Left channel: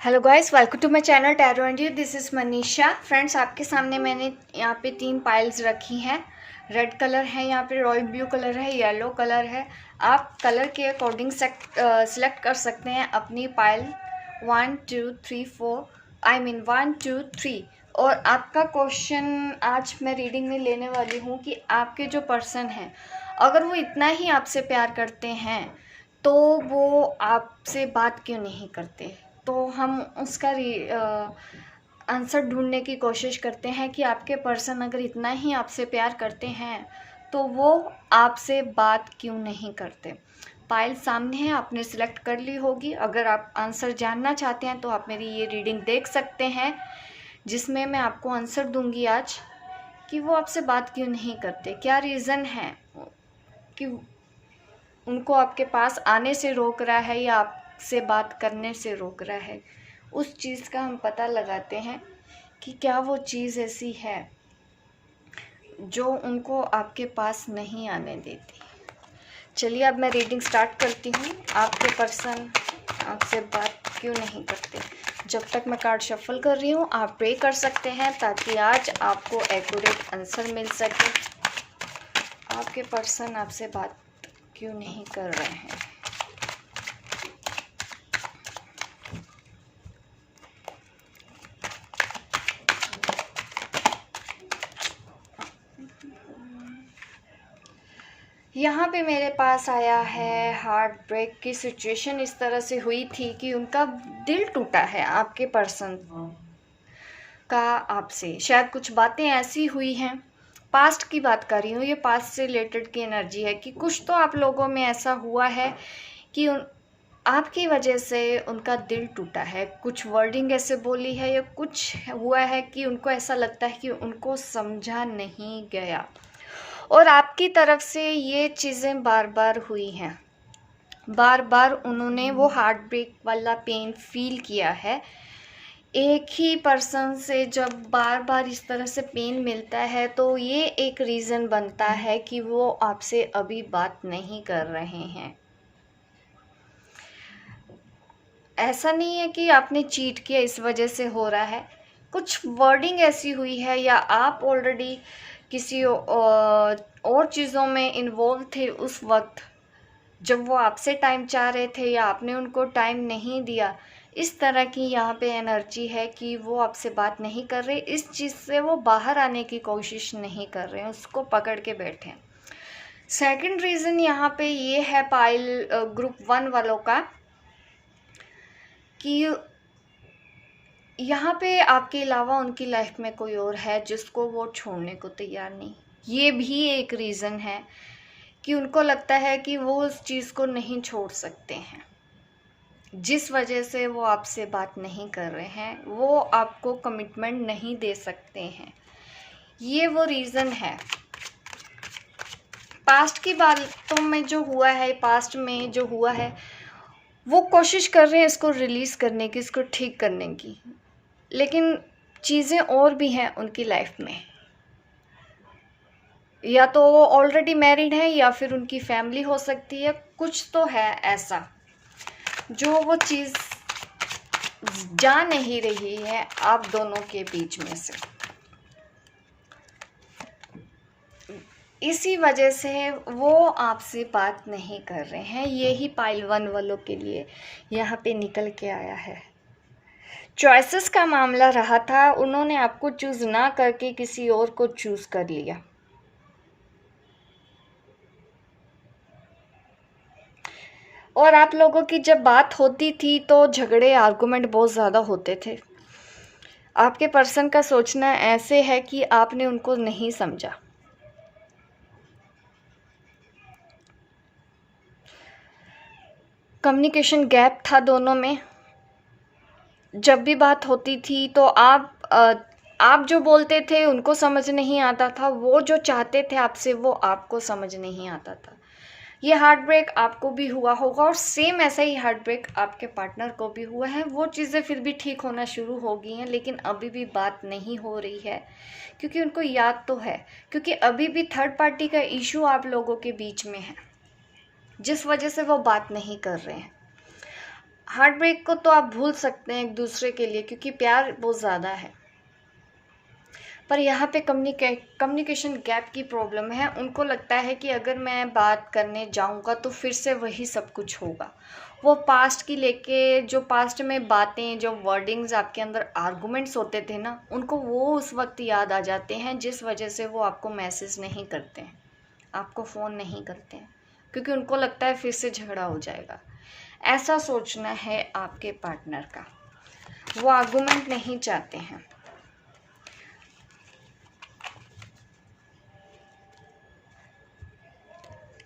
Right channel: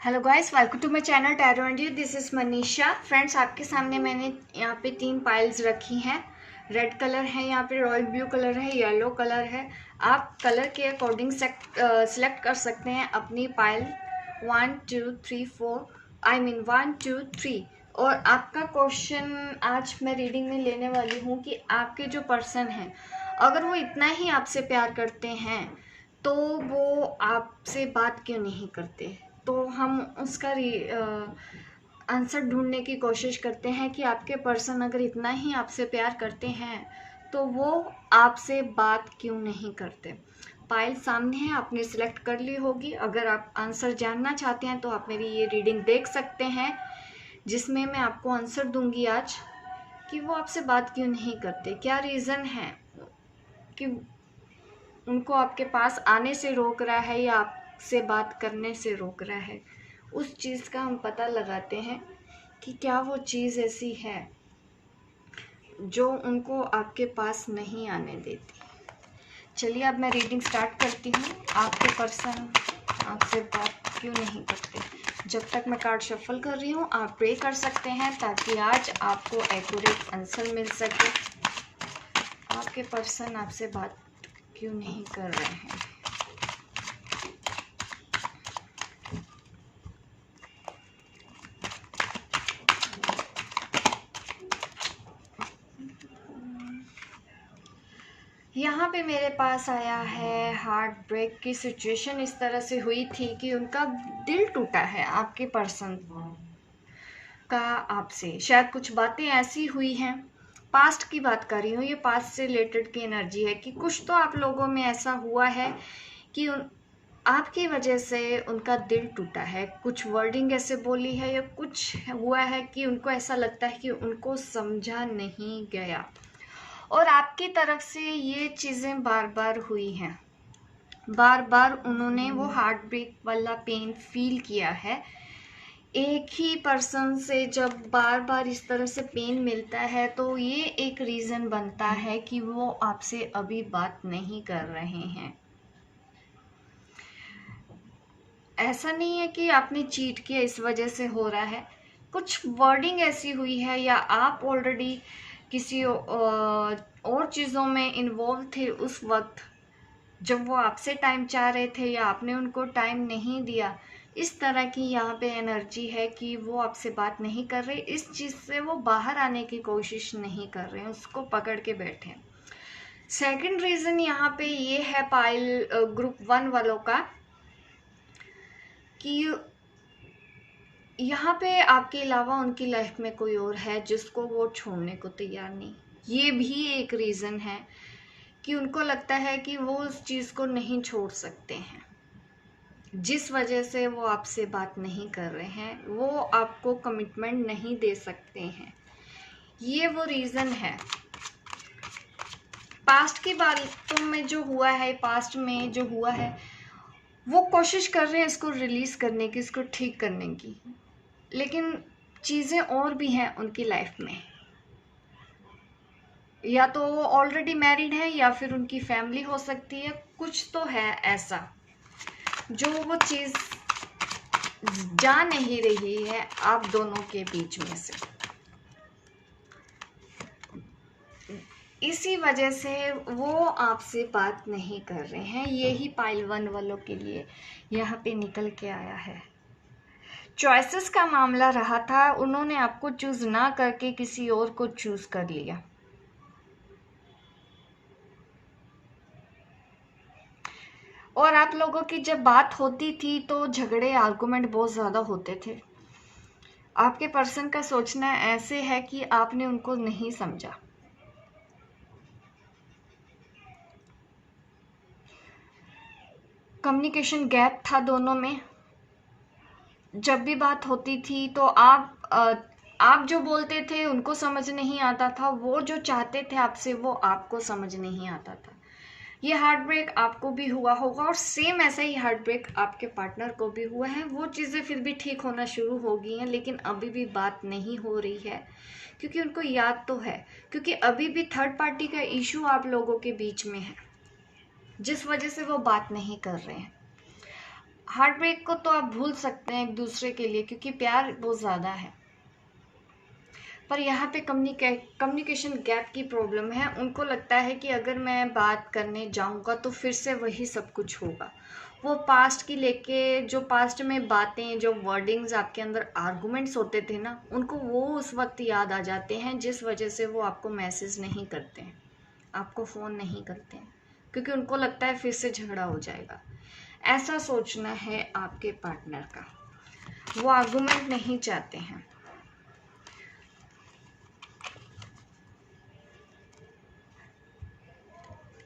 Hello guys, welcome to my channel tarot and you. This is Manisha. Friends, आपके सामने मैंने यहाँ पे 3 पाइल्स रखी हैं। रेड कलर है, यहाँ पे रॉयल ब्लू कलर है, येलो कलर है। आप कलर के अकॉर्डिंग सिलेक्ट कर सकते हैं अपनी पाइल 1 2 3 4 1 2 3। और आपका क्वेश्चन आज मैं रीडिंग में लेने वाली हूँ कि आपके जो पर्सन हैं, अगर वो इतना ही आपसे प्यार करते हैं तो वो आपसे बात क्यों नहीं करते। तो हम उसका आंसर ढूंढने की कोशिश करते हैं कि आपके पर्सन अगर इतना ही आपसे प्यार करते हैं तो वो आपसे बात क्यों नहीं करते। फाइल सामने है, आपने सिलेक्ट कर ली होगी। अगर आप आंसर जानना चाहते हैं तो आप मेरी ये रीडिंग देख सकते हैं, जिसमें मैं आपको आंसर दूंगी आज कि वो आपसे बात क्यों नहीं करते, क्या रीज़न है कि उनको आपके पास आने से रोक रहा है या आपसे बात करने से रोक रहा है। उस चीज़ का हम पता लगाते हैं कि क्या वो चीज़ ऐसी है जो उनको आपके पास नहीं आने देती। चलिए अब मैं रीडिंग स्टार्ट करती हूँ। आपके पर्सन आपसे बात क्यों नहीं करते। जब तक मैं कार्ड शफल कर रही हूँ, आप प्रे कर सकते हैं ताकि आज आपको एक्यूरेट आंसर मिल सके। आपके पर्सन आपसे बात क्यों नहीं कर रहे हैं। यहाँ पे मेरे पास आया है हार्ट ब्रेक की सिचुएशन। इस तरह से हुई थी कि उनका दिल टूटा है आपके पर्सन का आपसे। शायद कुछ बातें ऐसी हुई हैं, पास्ट की बात कर रही हूँ, ये पास्ट से रिलेटेड की एनर्जी है कि कुछ तो आप लोगों में ऐसा हुआ है कि आपकी वजह से उनका दिल टूटा है। कुछ वर्डिंग ऐसे बोली है या कुछ हुआ है कि उनको ऐसा लगता है कि उनको समझा नहीं गया, और आपकी तरफ से ये चीज़ें बार बार हुई हैं। बार बार उन्होंने वो हार्ट ब्रेक वाला पेन फील किया है। एक ही पर्सन से जब बार बार इस तरह से पेन मिलता है तो ये एक रीज़न बनता है कि वो आपसे अभी बात नहीं कर रहे हैं। ऐसा नहीं है कि आपने चीट किया इस वजह से हो रहा है। कुछ वर्डिंग ऐसी हुई है या आप ऑलरेडी किसी और चीज़ों में इन्वॉल्व थे उस वक्त जब वो आपसे टाइम चाह रहे थे, या आपने उनको टाइम नहीं दिया। इस तरह की यहाँ पे एनर्जी है कि वो आपसे बात नहीं कर रहे। इस चीज़ से वो बाहर आने की कोशिश नहीं कर रहे हैं, उसको पकड़ के बैठे हैं। सेकंड रीज़न यहाँ पे ये है पाइल ग्रुप 1 वालों का कि यहाँ पे आपके अलावा उनकी लाइफ में कोई और है जिसको वो छोड़ने को तैयार नहीं। ये भी एक रीज़न है कि उनको लगता है कि वो उस चीज़ को नहीं छोड़ सकते हैं, जिस वजह से वो आपसे बात नहीं कर रहे हैं। वो आपको कमिटमेंट नहीं दे सकते हैं, ये वो रीज़न है। पास्ट की बातों में जो हुआ है, पास्ट में जो हुआ है, वो कोशिश कर रहे हैं इसको रिलीज़ करने की, इसको ठीक करने की, लेकिन चीज़ें और भी हैं उनकी लाइफ में। या तो वो ऑलरेडी मैरिड है या फिर उनकी फैमिली हो सकती है। कुछ तो है ऐसा जो वो चीज़ जा नहीं रही है आप दोनों के बीच में से। इसी वजह से वो आपसे बात नहीं कर रहे हैं। यही पाइल 1 वालों के लिए यहाँ पे निकल के आया है। चॉइसेस का मामला रहा था, उन्होंने आपको चूज़ ना करके किसी और को चूज़ कर लिया। और आप लोगों की जब बात होती थी तो झगड़े आर्गुमेंट बहुत ज़्यादा होते थे। आपके पर्सन का सोचना ऐसे है कि आपने उनको नहीं समझा। कम्युनिकेशन गैप था दोनों में। जब भी बात होती थी तो आप जो बोलते थे उनको समझ नहीं आता था, वो जो चाहते थे आपसे वो आपको समझ नहीं आता था। ये हार्ट ब्रेक आपको भी हुआ होगा और सेम ऐसा ही हार्ट ब्रेक आपके पार्टनर को भी हुआ है। वो चीज़ें फिर भी ठीक होना शुरू हो गई हैं, लेकिन अभी भी बात नहीं हो रही है क्योंकि उनको याद तो है, क्योंकि अभी भी थर्ड पार्टी का इशू आप लोगों के बीच में है, जिस वजह से वो बात नहीं कर रहे हैं। हार्ट ब्रेक को तो आप भूल सकते हैं एक दूसरे के लिए, क्योंकि प्यार बहुत ज़्यादा है, पर यहाँ पे कम्युनिकेशन गैप की प्रॉब्लम है। उनको लगता है कि अगर मैं बात करने जाऊँगा तो फिर से वही सब कुछ होगा। वो पास्ट की लेके, जो पास्ट में बातें, जो वर्डिंग्स आपके अंदर आर्गुमेंट्स होते थे ना, उनको वो उस वक्त याद आ जाते हैं, जिस वजह से वो आपको मैसेज नहीं करते हैं, आपको फ़ोन नहीं करते हैं, क्योंकि उनको लगता है फिर से झगड़ा हो जाएगा। ऐसा सोचना है आपके पार्टनर का, वो आर्गुमेंट नहीं चाहते हैं।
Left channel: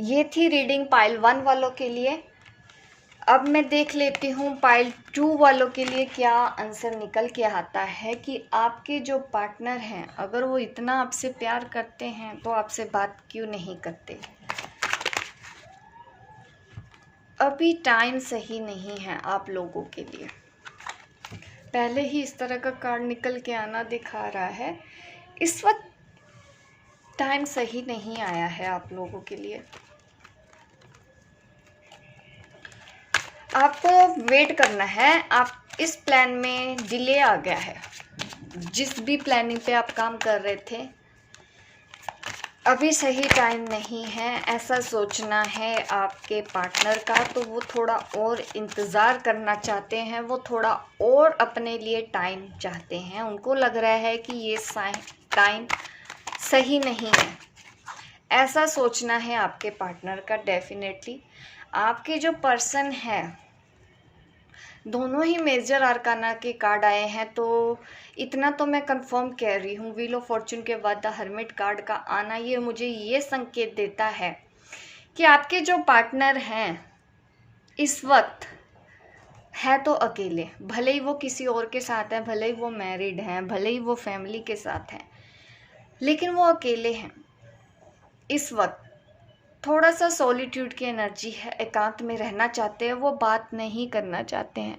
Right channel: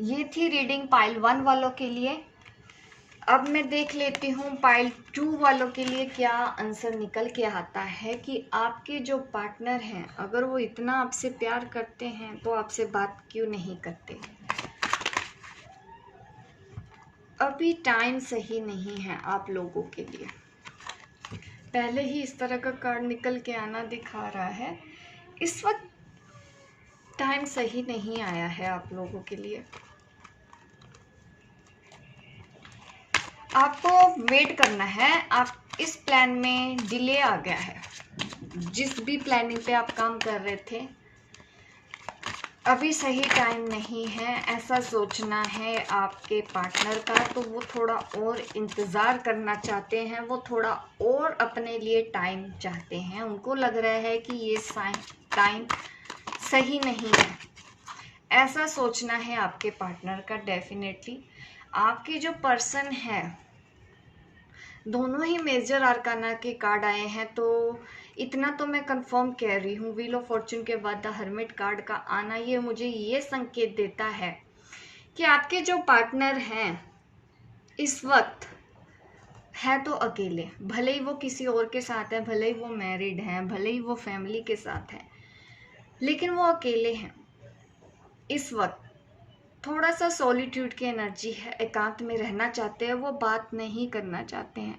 ये थी रीडिंग पाइल 1 वालों के लिए। अब मैं देख लेती हूँ पाइल 2 वालों के लिए क्या आंसर निकल के आता है, कि आपके जो पार्टनर हैं, अगर वो इतना आपसे प्यार करते हैं तो आपसे बात क्यों नहीं करते। अभी टाइम सही नहीं है आप लोगों के लिए। पहले ही इस तरह का कार्ड निकल के आना दिखा रहा है, इस वक्त टाइम सही नहीं आया है आप लोगों के लिए। आपको वेट करना है। आप इस प्लान में डिले आ गया है, जिस भी प्लानिंग पे आप काम कर रहे थे, अभी सही टाइम नहीं है, ऐसा सोचना है आपके पार्टनर का। तो वो थोड़ा और इंतज़ार करना चाहते हैं, वो थोड़ा और अपने लिए टाइम चाहते हैं। उनको लग रहा है कि ये टाइम सही नहीं है, ऐसा सोचना है आपके पार्टनर का। डेफिनेटली आपके जो पर्सन है, दोनों ही मेजर आर्काना के कार्ड आए हैं, तो इतना तो मैं कंफर्म कह रही हूँ। व्हील ऑफ फॉर्चून के बाद द हर्मिट कार्ड का आना ये मुझे ये संकेत देता है कि आपके जो पार्टनर हैं इस वक्त है तो अकेले, भले ही वो किसी और के साथ है, भले ही वो मैरिड हैं, भले ही वो फैमिली के साथ हैं, लेकिन वो अकेले हैं इस वक्त। थोड़ा सा सॉलिट्यूड की एनर्जी है, एकांत में रहना चाहते हैं, वो बात नहीं करना चाहते हैं,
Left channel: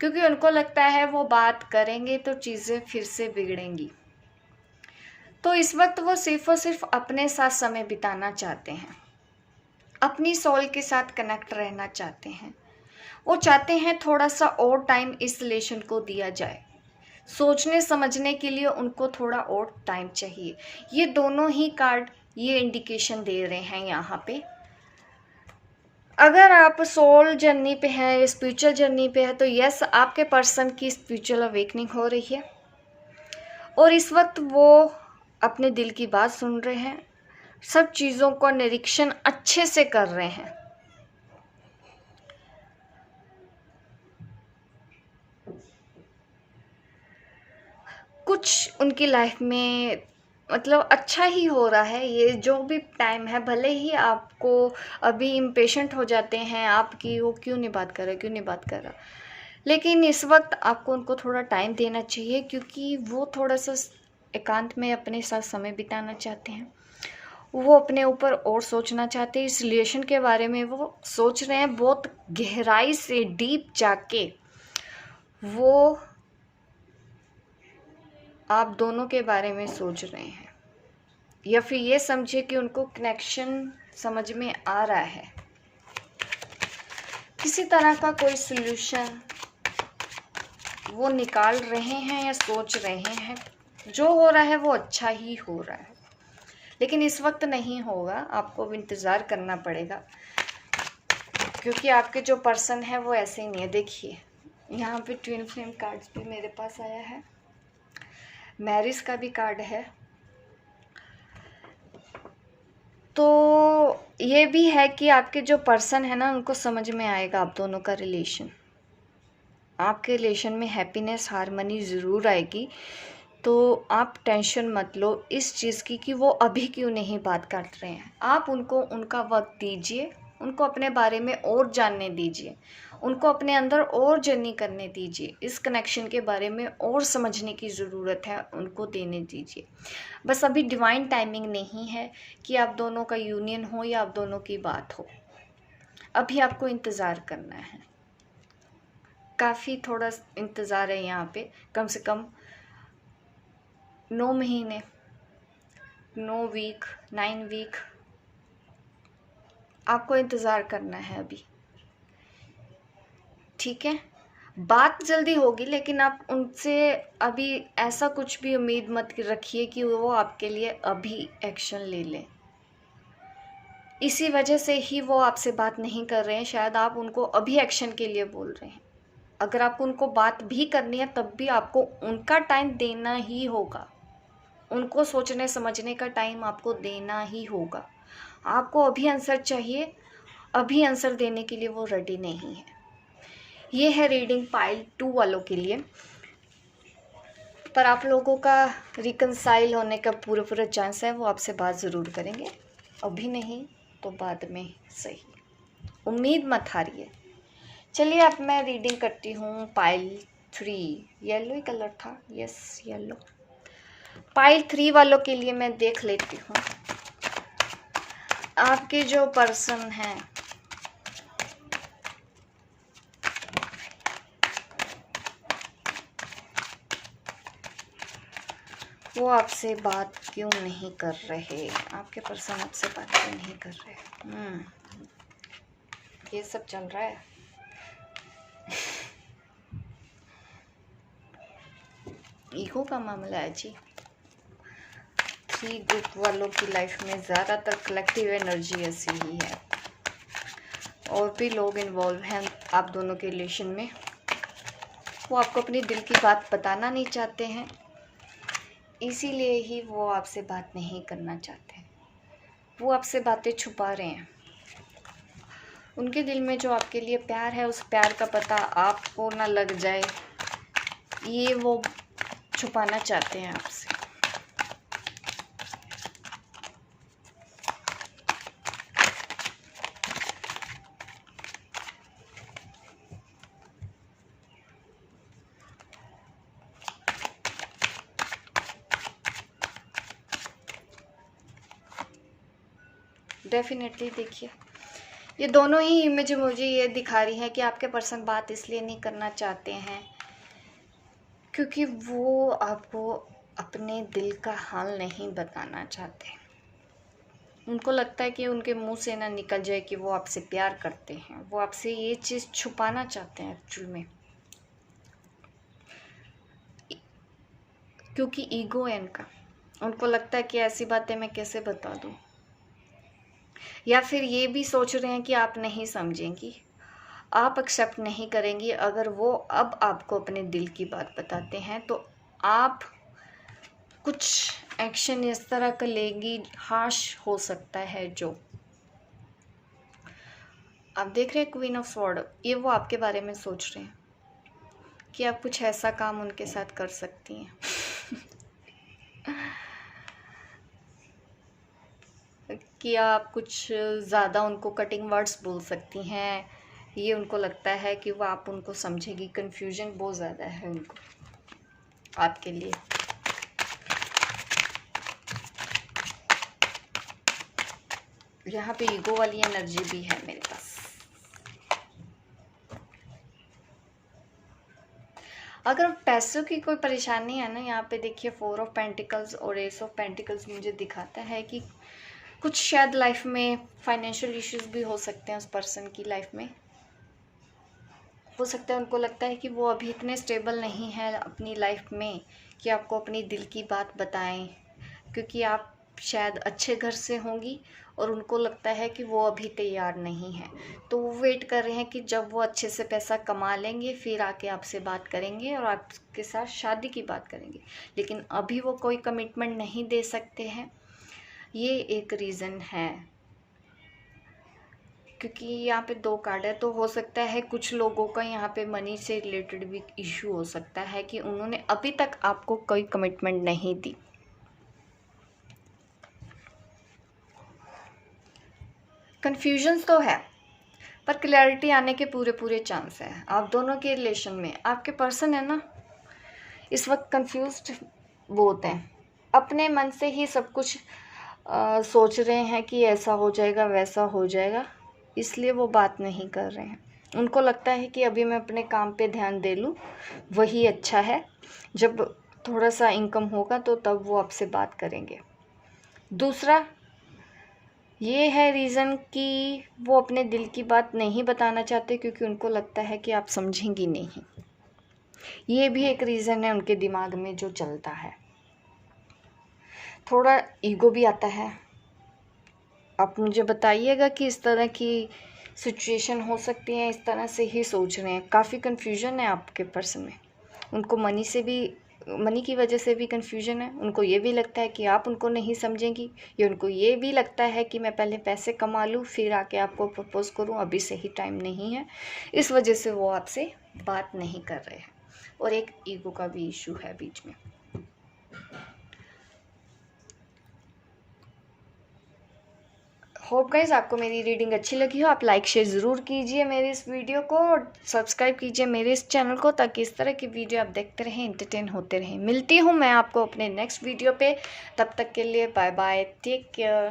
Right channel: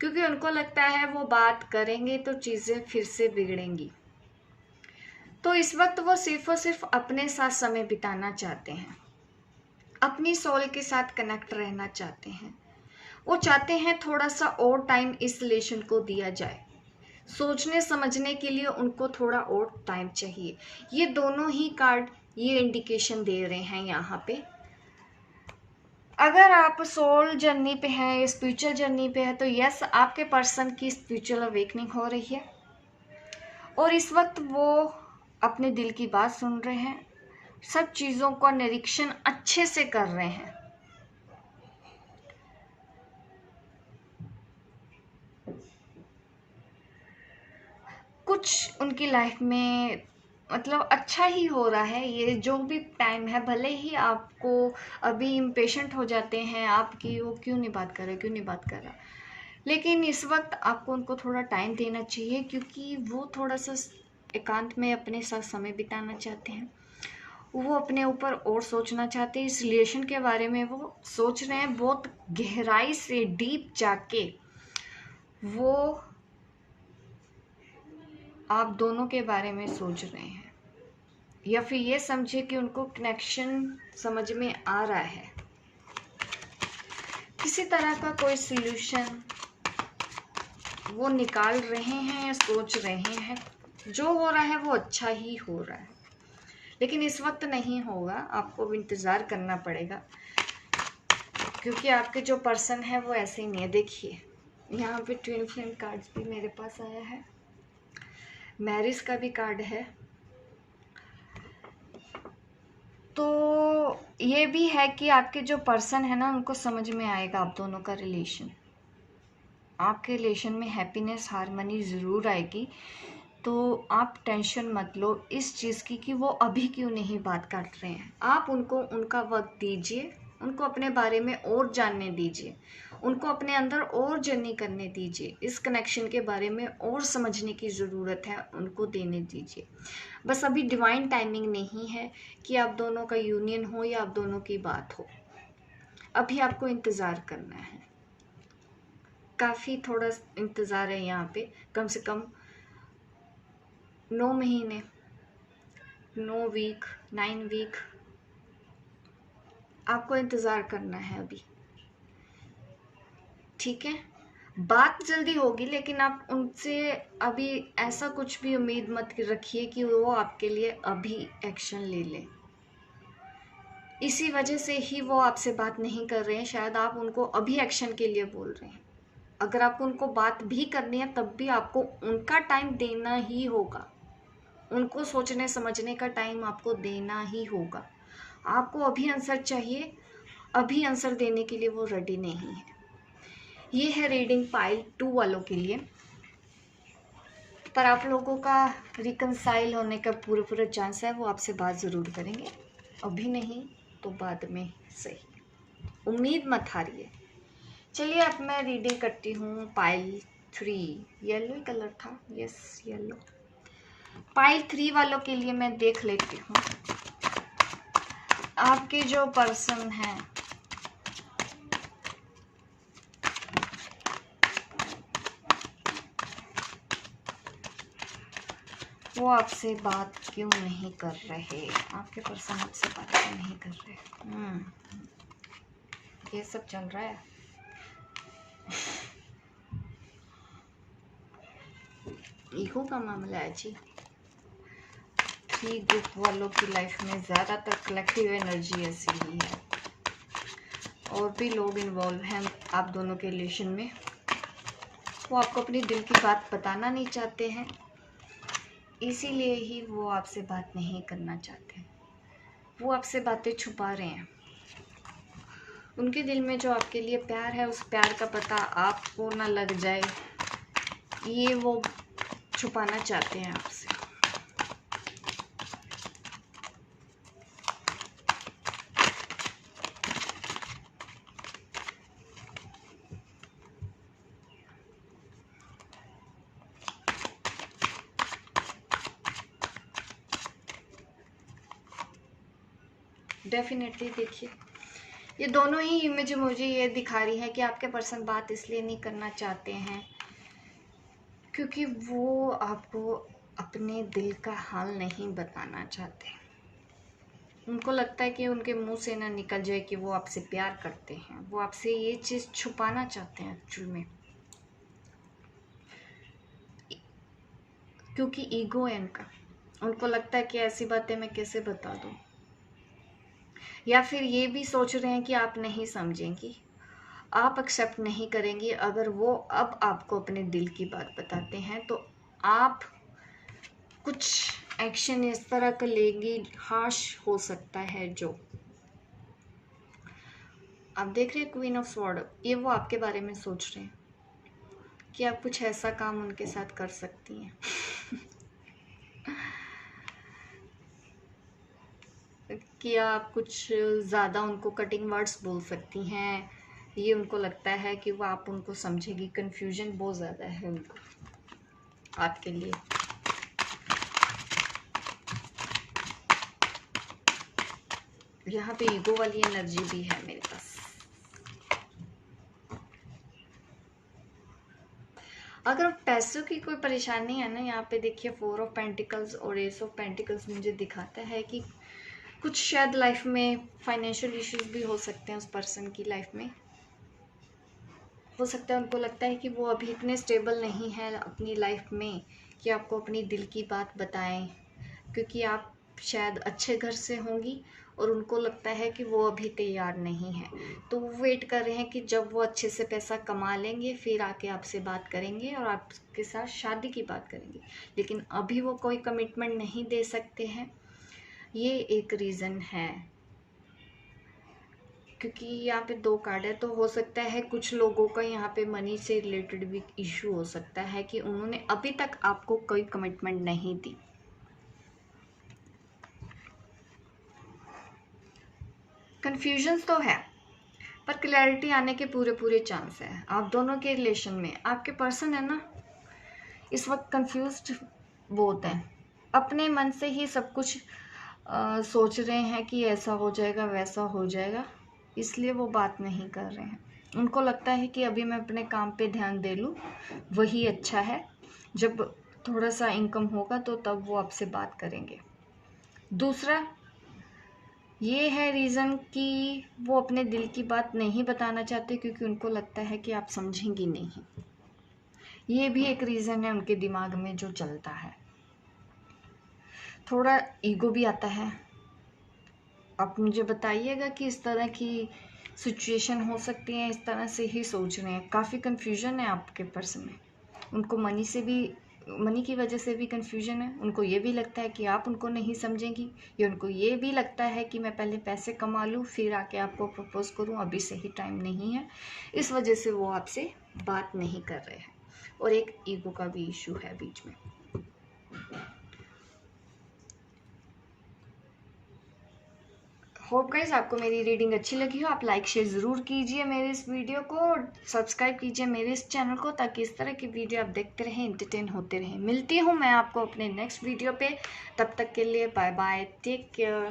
क्योंकि उनको लगता है वो बात करेंगे तो चीज़ें फिर से बिगड़ेंगी। तो इस वक्त वो सिर्फ और सिर्फ अपने साथ समय बिताना चाहते हैं, अपनी सोल के साथ कनेक्ट रहना चाहते हैं। वो चाहते हैं थोड़ा सा और टाइम इस रिलेशन को दिया जाए, सोचने समझने के लिए उनको थोड़ा और टाइम चाहिए। ये दोनों ही कार्ड ये इंडिकेशन दे रहे हैं यहाँ पे। अगर आप सोल जर्नी पे हैं, स्पिरिचुअल जर्नी पे है, तो यस, आपके पर्सन की स्पिरिचुअल अवेकनिंग हो रही है, और इस वक्त वो अपने दिल की बात सुन रहे हैं, सब चीज़ों का निरीक्षण अच्छे से कर रहे हैं। कुछ उनकी लाइफ में मतलब अच्छा ही हो रहा है। ये जो भी टाइम है, भले ही आपको अभी इम्पेशेंट हो जाते हैं आपकी, वो क्यों नहीं बात कर रहा, क्यों नहीं बात कर रहा, लेकिन इस वक्त आपको उनको थोड़ा टाइम देना चाहिए, क्योंकि वो थोड़ा सा एकांत में अपने साथ समय बिताना चाहते हैं। वो अपने ऊपर और सोचना चाहते हैं, इस रिलेशन के बारे में वो सोच रहे हैं, बहुत गहराई से डीप जाके वो आप दोनों के बारे में सोच रहे हैं, या फिर ये समझे कि उनको कनेक्शन समझ में आ रहा है, किसी तरह का कोई सल्यूशन वो निकाल रहे हैं या सोच रहे हैं। जो हो रहा है वो अच्छा ही हो रहा है, लेकिन इस वक्त नहीं होगा, आपको इंतज़ार करना पड़ेगा, क्योंकि आपके जो पर्सन है वो ऐसे ही नहीं है। देखिए यहाँ पे ट्विन फ्लेम कार्ड्स भी मेरे पास आया है, मैरिज का भी कार्ड है, तो ये भी है कि आपके जो पर्सन है ना, उनको समझ में आएगा आप दोनों का रिलेशन, आपके रिलेशन में हैप्पीनेस, हार्मनी ज़रूर आएगी। तो आप टेंशन मत लो इस चीज़ की कि वो अभी क्यों नहीं बात कर रहे हैं। आप उनको उनका वक्त दीजिए, उनको अपने बारे में और जानने दीजिए, उनको अपने अंदर और जर्नी करने दीजिए, इस कनेक्शन के बारे में और समझने की ज़रूरत है, उनको देने दीजिए। बस अभी डिवाइन टाइमिंग नहीं है कि आप दोनों का यूनियन हो या आप दोनों की बात हो, अभी आपको इंतज़ार करना है, काफ़ी थोड़ा इंतज़ार है यहाँ पे, कम से कम 9 महीने, 9 वीक, 9 वीक आपको इंतज़ार करना है अभी। ठीक है, बात जल्दी होगी, लेकिन आप उनसे अभी ऐसा कुछ भी उम्मीद मत रखिए कि वो आपके लिए अभी एक्शन ले लें। इसी वजह से ही वो आपसे बात नहीं कर रहे हैं, शायद आप उनको अभी एक्शन के लिए बोल रहे हैं। अगर आपको उनको बात भी करनी है तब भी आपको उनका टाइम देना ही होगा, उनको सोचने समझने का टाइम आपको देना ही होगा। आपको अभी आंसर चाहिए, अभी आंसर देने के लिए वो रेडी नहीं है। ये है रीडिंग पाइल 2 वालों के लिए। पर आप लोगों का रिकंसाइल होने का पूरा चांस है, वो आपसे बात ज़रूर करेंगे, अभी नहीं तो बाद में सही, उम्मीद मत हारिए। चलिए अब मैं रीडिंग करती हूँ पाइल 3। येलो ही कलर था, यस येलो। पाइल 3 वालों के लिए मैं देख लेती हूँ आपके जो पर्सन हैं वो आपसे बात क्यों नहीं कर रहे। आपके पर्सन आपसे बात क्यों नहीं कर रहे। ये सब चल रहा है। ईगो का मामला है जी। 3 ग्रुप वालों की लाइफ में ज़्यादातर कलेक्टिव एनर्जी ऐसी ही है, और भी लोग इन्वॉल्व हैं आप दोनों के रिलेशन में। वो आपको अपनी दिल की बात बताना नहीं चाहते हैं, इसीलिए ही वो आपसे बात नहीं करना चाहते। वो आपसे बातें छुपा रहे हैं। उनके दिल में जो आपके लिए प्यार है, उस प्यार का पता आपको ना लग जाए, ये वो छुपाना चाहते हैं आपसे। डेफिनेटली देखिए, ये दोनों ही इमेज मुझे ये दिखा रही है कि आपके पर्सन बात इसलिए नहीं करना चाहते हैं क्योंकि वो आपको अपने दिल का हाल नहीं बताना चाहते। उनको लगता है कि उनके मुंह से ना निकल जाए कि वो आपसे प्यार करते हैं। वो आपसे ये चीज़ छुपाना चाहते हैं एक्चुअल में, क्योंकि ईगो है उनका। उनको लगता है कि ऐसी बातें मैं कैसे बता दूं, या फिर ये भी सोच रहे हैं कि आप नहीं समझेंगी, आप एक्सेप्ट नहीं करेंगी। अगर वो अब आपको अपने दिल की बात बताते हैं तो आप कुछ एक्शन इस तरह का लेंगी, हार्श हो सकता है। जो आप देख रहे हैं क्वीन ऑफ स्वॉर्ड, ये वो आपके बारे में सोच रहे हैं कि आप कुछ ऐसा काम उनके साथ कर सकती हैं कि आप कुछ ज़्यादा उनको कटिंग वर्ड्स बोल सकती हैं। ये उनको लगता है कि वो आप उनको समझेगी। कन्फ्यूजन बहुत ज़्यादा है उनको आपके लिए। यहाँ पे ईगो वाली एनर्जी भी है मेरे पास। अगर पैसों की कोई परेशानी है ना, यहाँ पे देखिए 4 ऑफ पेंटिकल्स और एस ऑफ पेंटिकल्स मुझे दिखाता है कि कुछ शायद लाइफ में फाइनेंशियल इश्यूज भी हो सकते हैं उस पर्सन की लाइफ में। हो सकता है उनको लगता है कि वो अभी इतने स्टेबल नहीं है अपनी लाइफ में कि आपको अपनी दिल की बात बताएं, क्योंकि आप शायद अच्छे घर से होंगी और उनको लगता है कि वो अभी तैयार नहीं है। तो वो वेट कर रहे हैं कि जब वो अच्छे से पैसा कमा लेंगे फिर आके आपसे बात करेंगे और आपके साथ शादी की बात करेंगे, लेकिन अभी वो कोई कमिटमेंट नहीं दे सकते हैं। ये एक रीज़न है, क्योंकि यहाँ पे 2 कार्ड है। तो हो सकता है कुछ लोगों का यहाँ पे मनी से रिलेटेड भी इशू हो सकता है कि उन्होंने अभी तक आपको कोई कमिटमेंट नहीं दी। कन्फ्यूजन तो है, पर क्लैरिटी आने के पूरे चांस है आप दोनों के रिलेशन में। आपके पर्सन है ना, इस वक्त कंफ्यूज्ड बहुत हैं, अपने मन से ही सब कुछ सोच रहे हैं कि ऐसा हो जाएगा वैसा हो जाएगा, इसलिए वो बात नहीं कर रहे हैं। उनको लगता है कि अभी मैं अपने काम पे ध्यान दे लूँ, वही अच्छा है। जब थोड़ा सा इनकम होगा तो तब वो आपसे बात करेंगे। दूसरा, ये है रीज़न कि वो अपने दिल की बात नहीं बताना चाहते क्योंकि उनको लगता है कि आप समझेंगी नहीं। ये भी एक रीज़न है उनके दिमाग में जो चलता है। थोड़ा ईगो भी आता है। आप मुझे बताइएगा कि इस तरह की सिचुएशन हो सकती है, इस तरह से ही सोच रहे हैं। काफ़ी कन्फ्यूजन है आपके पर्सन में। उनको मनी की वजह से भी कन्फ्यूजन है। उनको ये भी लगता है कि आप उनको नहीं समझेंगी, या उनको ये भी लगता है कि मैं पहले पैसे कमा लूँ फिर आके आपको प्रपोज़ करूँ, अभी सही टाइम नहीं है। इस वजह से वो आपसे बात नहीं कर रहे हैं, और एक ईगो का भी इशू है बीच में। होप गाइस आपको मेरी रीडिंग अच्छी लगी हो। आप लाइक शेयर ज़रूर कीजिए मेरे इस वीडियो को, और सब्सक्राइब कीजिए मेरे इस चैनल को, ताकि इस तरह की वीडियो आप देखते रहें, एंटरटेन होते रहें। मिलती हूँ मैं आपको अपने नेक्स्ट वीडियो पे। तब तक के लिए बाय बाय, टेक केयर।